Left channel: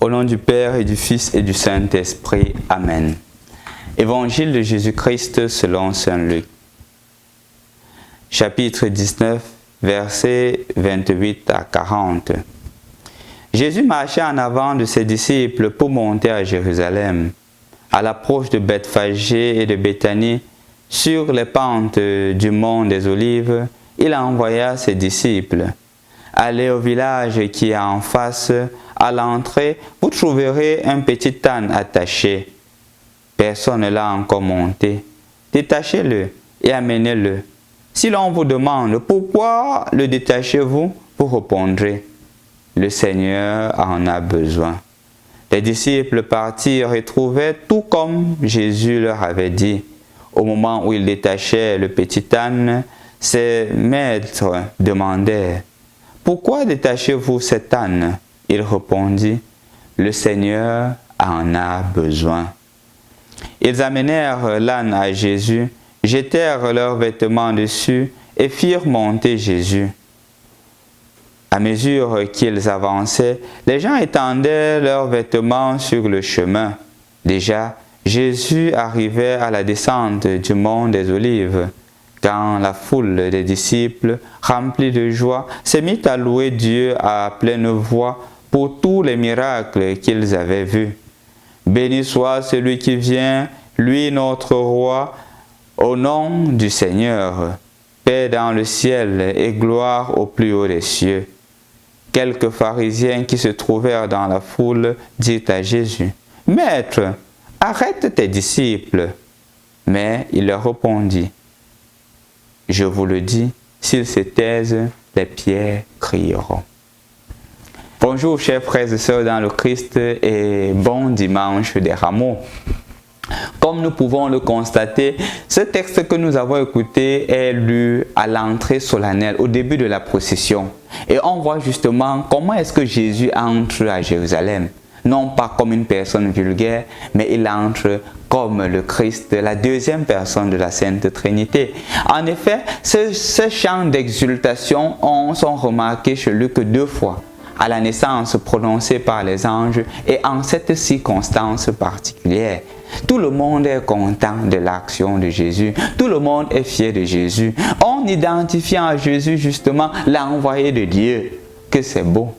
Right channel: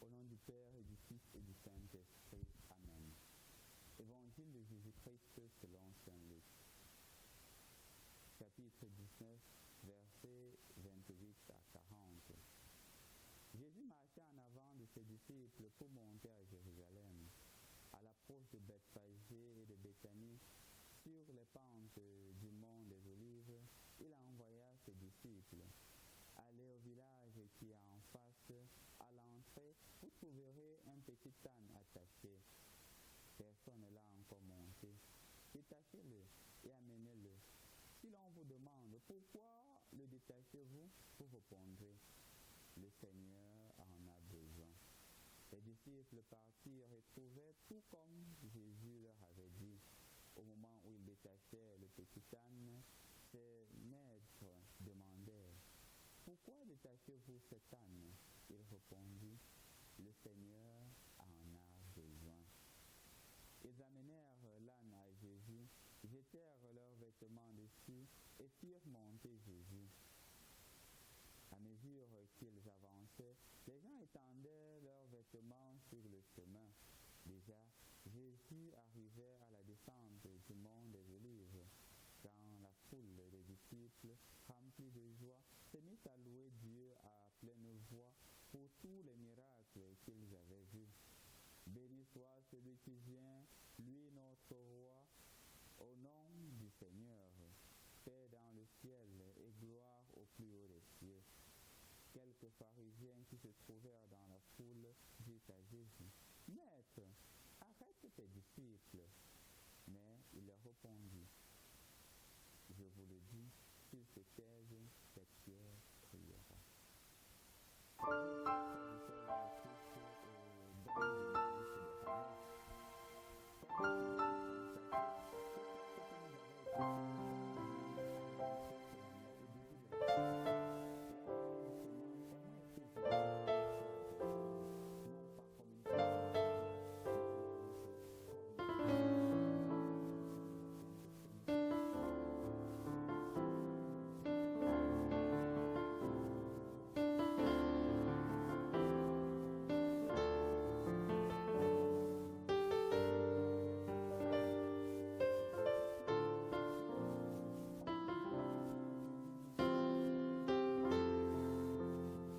Au nom du Père et du Fils et du Saint-Esprit. Amen. Évangile de Jésus-Christ selon Saint Luc. Chapitre 19, versets 28 à 40. Jésus marchait en avant de ses disciples pour monter à Jérusalem. À l'approche de Bethphagée et de Béthanie, sur les pentes du mont des Olives, il envoya ses disciples. Allez au village qui est en face, à l'entrée, vous trouverez un petit âne attaché. Personne ne l'a encore monté. Détachez-le et amenez-le. Si l'on vous demande pourquoi le détachez-vous, vous répondrez, le Seigneur en a besoin. Les disciples partirent et trouvaient tout comme Jésus leur avait dit. Au moment où ils détachaient le petit âne, ses maîtres demandèrent, « Pourquoi détachez-vous cet âne ?» Il répondit, « Le Seigneur en a besoin. » Ils amenèrent l'âne à Jésus, jetèrent leurs vêtements dessus et firent monter Jésus. À mesure qu'ils avançaient, les gens étendaient leurs vêtements sur le chemin. Déjà, Jésus arrivait à la descente du mont des Olives, quand la foule des disciples, remplie de joie, s'est mise à louer Dieu à pleine voix pour tous les miracles qu'ils avaient vus. Béni soit celui qui vient, lui notre roi, au nom du Seigneur, paix dans le ciel et gloire au plus haut des cieux. Quelques pharisiens qui se trouvèrent dans la foule dirent à Jésus, « Maître, arrête tes disciples. » Mais il leur répondit, « Je vous le dis, s'ils se taisent, les pierres crieront. » Bonjour chers frères et sœurs dans le Christ et bon dimanche des Rameaux. Comme nous pouvons le constater, ce texte que nous avons écouté est lu à l'entrée solennelle, au début de la procession. Et on voit justement comment est-ce que Jésus entre à Jérusalem. Non pas comme une personne vulgaire, mais il entre comme le Christ, la deuxième personne de la Sainte Trinité. En effet, ce chant d'exultation, on s'en remarqué chez Luc 2 fois. À la naissance prononcée par les anges et en cette circonstance particulière. Tout le monde est content de l'action de Jésus. Tout le monde est fier de Jésus. On identifie en Jésus justement l'envoyé de Dieu. Que c'est beau.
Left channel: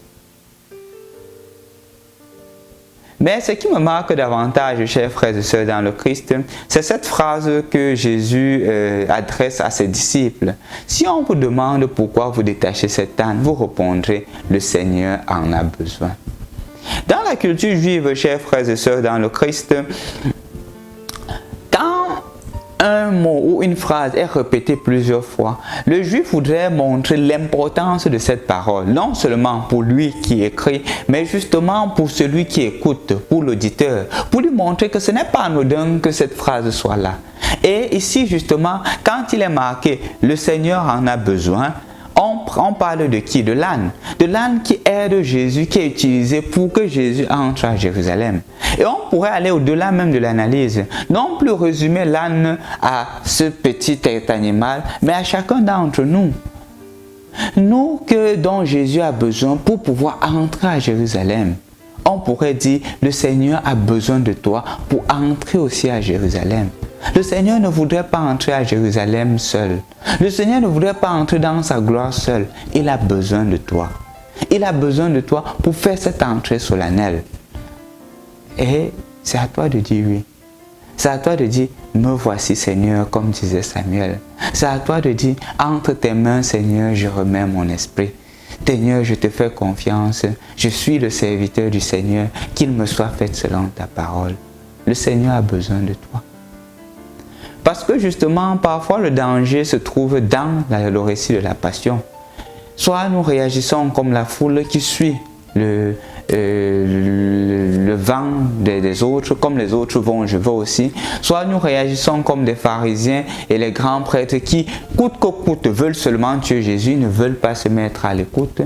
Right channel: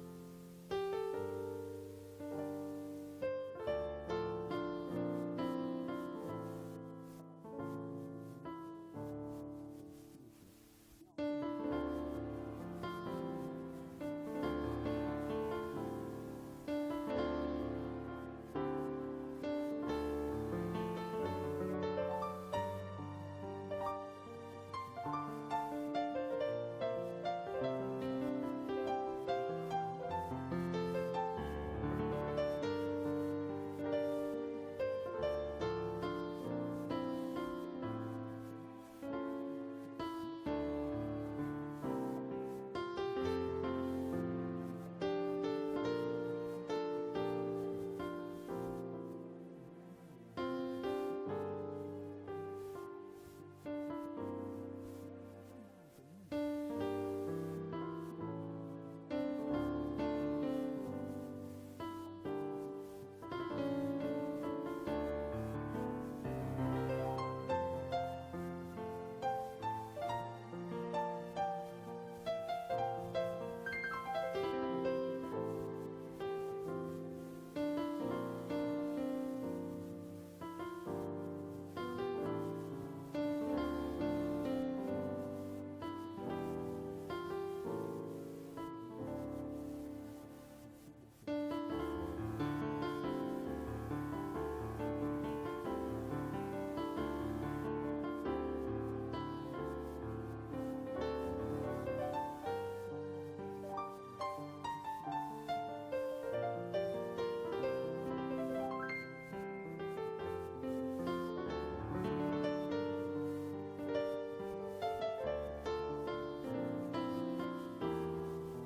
Mais ce qui me marque davantage, chers frères et sœurs dans le Christ, c'est cette phrase que Jésus adresse à ses disciples. Si on vous demande pourquoi vous détachez cet âne, vous répondrez, le Seigneur en a besoin. Dans la culture juive, chers frères et sœurs dans le Christ, quand un mot ou une phrase est répétée plusieurs fois, le juif voudrait montrer l'importance de cette parole, non seulement pour lui qui écrit, mais justement pour celui qui écoute, pour l'auditeur, pour lui montrer que ce n'est pas anodin que cette phrase soit là. Et ici justement, quand il est marqué « le Seigneur en a besoin », on parle de qui? De l'âne. De l'âne qui aide Jésus, qui est utilisé pour que Jésus entre à Jérusalem. Et on pourrait aller au-delà même de l'analyse. Non plus résumer l'âne à ce petit animal, mais à chacun d'entre nous. Nous dont Jésus a besoin pour pouvoir entrer à Jérusalem. On pourrait dire, le Seigneur a besoin de toi pour entrer aussi à Jérusalem. Le Seigneur ne voudrait pas entrer à Jérusalem seul. Le Seigneur ne voudrait pas entrer dans sa gloire seul. Il a besoin de toi. Il a besoin de toi pour faire cette entrée solennelle. Et c'est à toi de dire oui. C'est à toi de dire, me voici Seigneur, comme disait Samuel. C'est à toi de dire, entre tes mains Seigneur, je remets mon esprit. Seigneur, je te fais confiance. Je suis le serviteur du Seigneur. Qu'il me soit fait selon ta parole. Le Seigneur a besoin de toi. Parce que justement, parfois le danger se trouve dans le récit de la passion. Soit nous réagissons comme la foule qui suit le vent des autres, comme les autres vont, je vais aussi. Soit nous réagissons comme des pharisiens et les grands prêtres qui, coûte que coûte, veulent seulement tuer Jésus, ne veulent pas se mettre à l'écoute.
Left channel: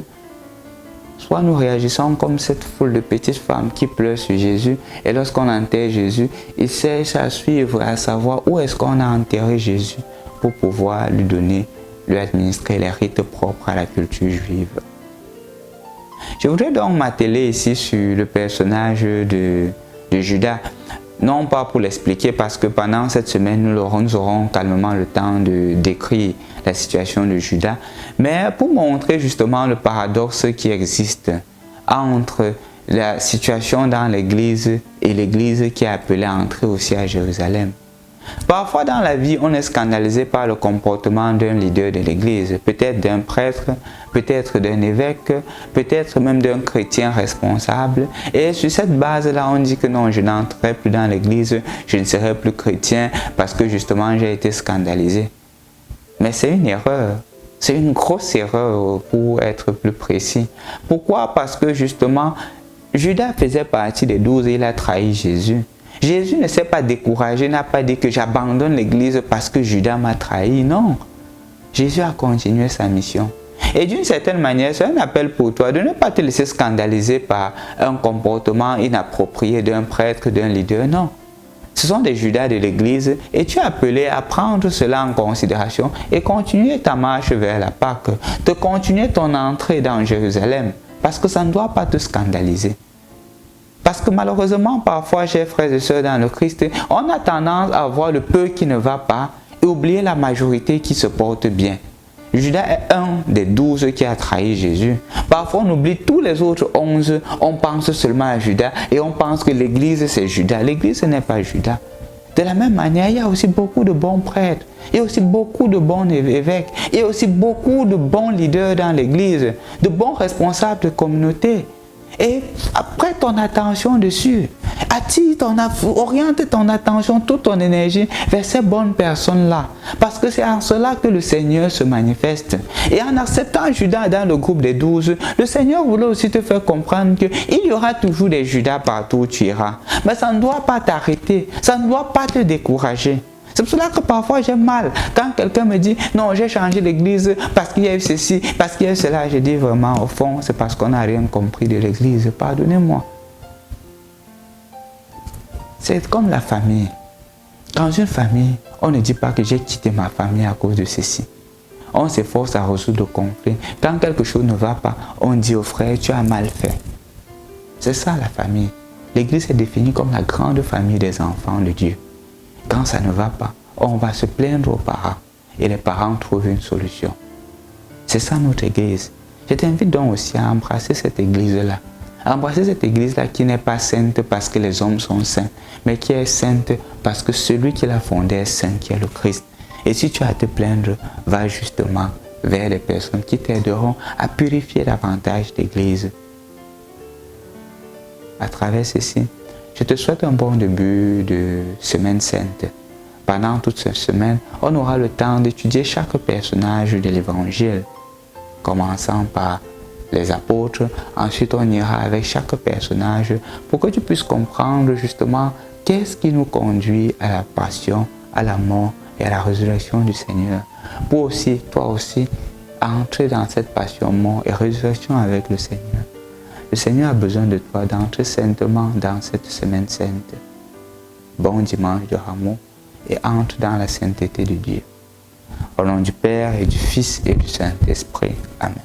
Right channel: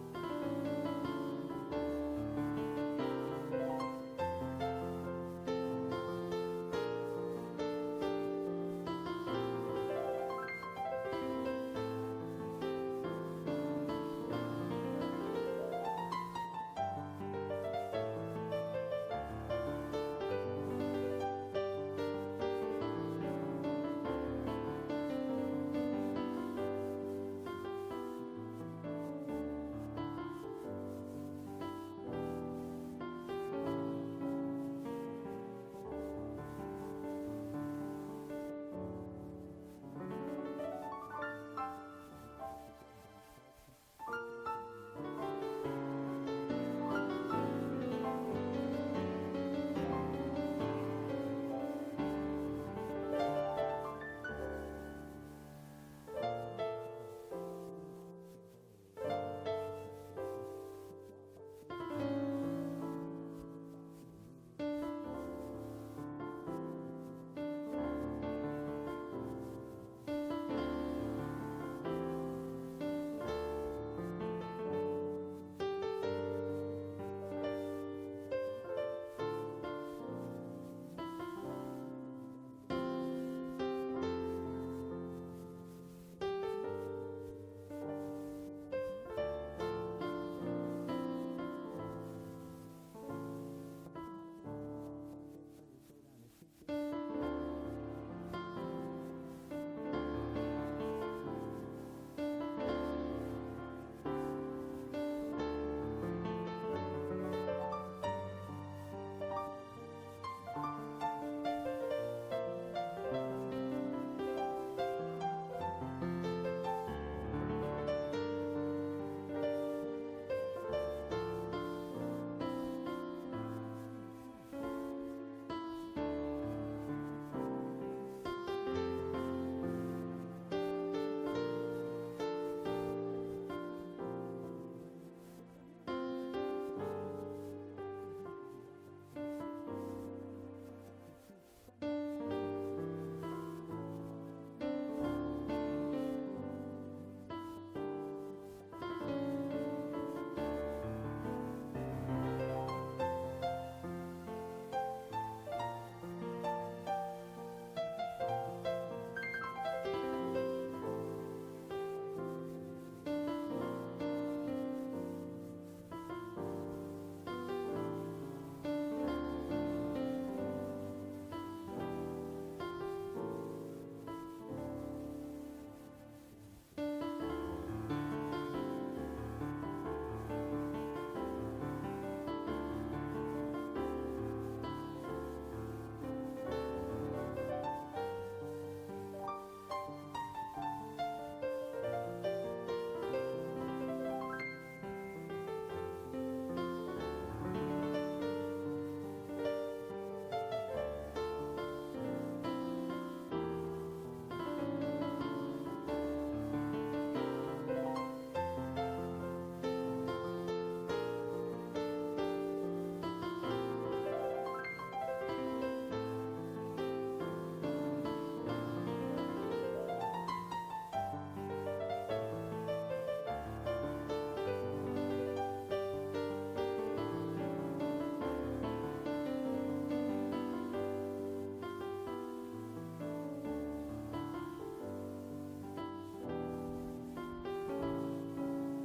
Soit nous réagissons comme cette foule de petites femmes qui pleurent sur Jésus et lorsqu'on enterre Jésus, ils cherchent à suivre, à savoir où est-ce qu'on a enterré Jésus pour pouvoir lui administrer les rites propres à la culture juive. Je voudrais donc m'atteler ici sur le personnage de Judas. Non pas pour l'expliquer parce que pendant cette semaine, nous aurons calmement le temps de décrire la situation de Judas, mais pour montrer justement le paradoxe qui existe entre la situation dans l'église et l'église qui est appelée à entrer aussi à Jérusalem. Parfois dans la vie, on est scandalisé par le comportement d'un leader de l'église, peut-être d'un prêtre, peut-être d'un évêque, peut-être même d'un chrétien responsable. Et sur cette base-là, on dit que non, je n'entrerai plus dans l'église, je ne serai plus chrétien parce que justement j'ai été scandalisé. Mais c'est une erreur. C'est une grosse erreur pour être plus précis. Pourquoi? Parce que justement, Judas faisait partie des 12 et il a trahi Jésus. Jésus ne s'est pas découragé, n'a pas dit que j'abandonne l'église parce que Judas m'a trahi. Non, Jésus a continué sa mission. Et d'une certaine manière, c'est un appel pour toi de ne pas te laisser scandaliser par un comportement inapproprié d'un prêtre, d'un leader. Non, ce sont des Judas de l'église et tu es appelé à prendre cela en considération et continuer ta marche vers la Pâque, de continuer ton entrée dans Jérusalem parce que ça ne doit pas te scandaliser. Parce que malheureusement, parfois, chers frères et sœurs dans le Christ, on a tendance à voir le peu qui ne va pas et oublier la majorité qui se porte bien. Judas est un des 12 qui a trahi Jésus. Parfois, on oublie tous les autres 11, on pense seulement à Judas et on pense que l'église c'est Judas. L'église ce n'est pas Judas. De la même manière, il y a aussi beaucoup de bons prêtres, il y a aussi beaucoup de bons évêques, il y a aussi beaucoup de bons leaders dans l'église, de bons responsables de communauté. Et prête ton attention dessus, oriente ton attention, toute ton énergie vers ces bonnes personnes-là. Parce que c'est en cela que le Seigneur se manifeste. Et en acceptant Judas dans le groupe des 12, le Seigneur voulait aussi te faire comprendre qu'il y aura toujours des Judas partout où tu iras. Mais ça ne doit pas t'arrêter, ça ne doit pas te décourager. C'est pour cela que parfois j'ai mal quand quelqu'un me dit non, j'ai changé l'église parce qu'il y a eu ceci, parce qu'il y a eu cela. Je dis vraiment, au fond, c'est parce qu'on n'a rien compris de l'église. Pardonnez-moi. C'est comme la famille. Dans une famille, on ne dit pas que j'ai quitté ma famille à cause de ceci. On s'efforce à résoudre le conflit. Quand quelque chose ne va pas, on dit au frère, tu as mal fait. C'est ça la famille. L'église est définie comme la grande famille des enfants de Dieu. Quand ça ne va pas, on va se plaindre aux parents et les parents trouvent une solution. C'est ça notre église. Je t'invite donc aussi à embrasser cette église-là. Embrasser cette église-là qui n'est pas sainte parce que les hommes sont saints, mais qui est sainte parce que celui qui l'a fondée est saint, qui est le Christ. Et si tu as à te plaindre, va justement vers les personnes qui t'aideront à purifier davantage l'église. À travers ceci, je te souhaite un bon début de semaine sainte. Pendant toute cette semaine, on aura le temps d'étudier chaque personnage de l'évangile, commençant par les apôtres. Ensuite, on ira avec chaque personnage pour que tu puisses comprendre justement qu'est-ce qui nous conduit à la passion, à la mort et à la résurrection du Seigneur. Pour aussi, toi aussi, entrer dans cette passion, mort et résurrection avec le Seigneur. Le Seigneur a besoin de toi d'entrer saintement dans cette semaine sainte. Bon dimanche de Rameau et entre dans la sainteté de Dieu. Au nom du Père et du Fils et du Saint-Esprit. Amen.